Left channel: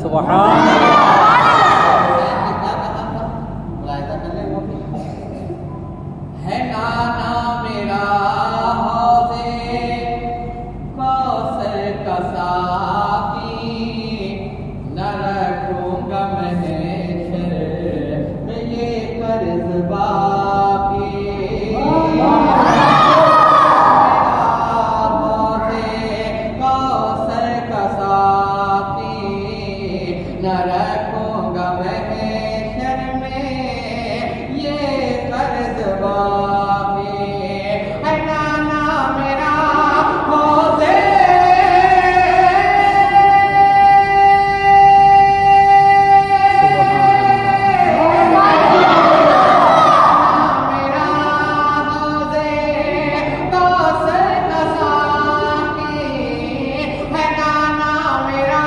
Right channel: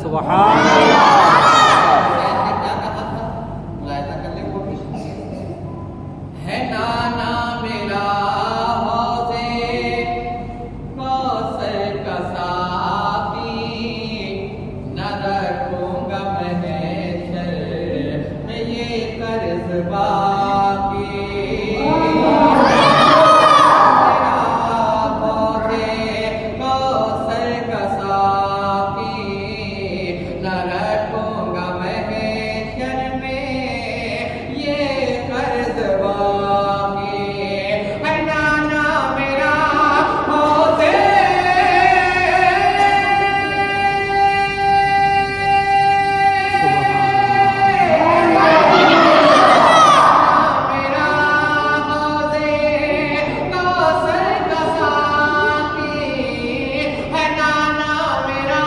सुभान अल्लाह। क्या कहा था, मुलाहिजा कर ले वो भी है नाना मेरा हौज़े कौसर का साकी, न रखूंगा महशर में ये कर्ज बाकी। न रखूंगा महशर में ये कर्ज बाकी। है नाना मेरा हौज़े मेरा हौज़े कौसर का साकी, है नाना मेरा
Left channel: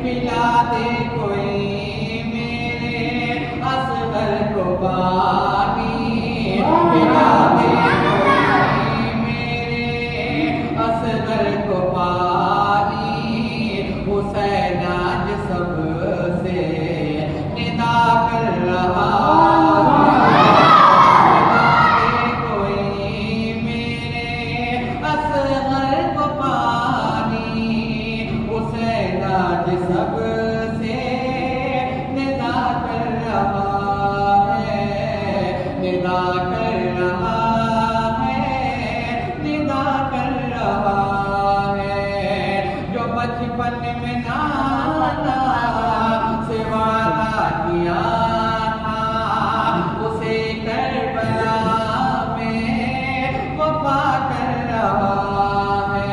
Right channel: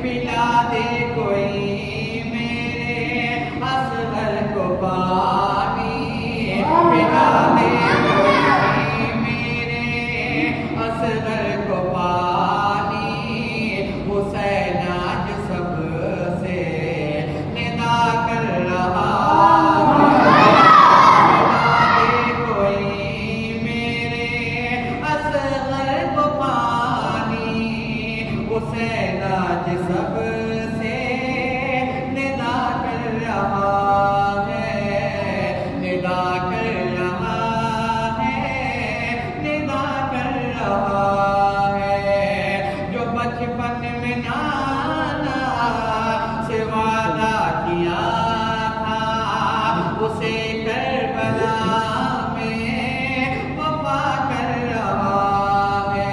पिला दे कोई मेरे असगर को पानी, पिला दे कोई मेरे असगर को पानी। हुसैन आज सबसे निदा कर रहा है, पिला दे कोई मेरे असगर को पानी। हुसैन आज सबसे निदा कर रहा है, निदा कर रहा है, निदा कर रहा है। जो बचपन में नाना से वादा किया था, उसे करबला में वफा कर रहा है।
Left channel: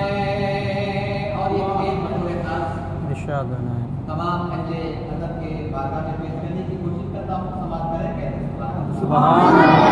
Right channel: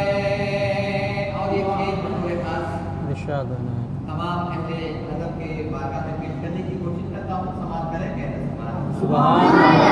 और ये खेल बतौर खास इरशाद होना है। तमाम अहले नज़र के बारगाह में पेश करने की कोशिश करता हूँ। समाज करेंगे। सुभान अल्लाह।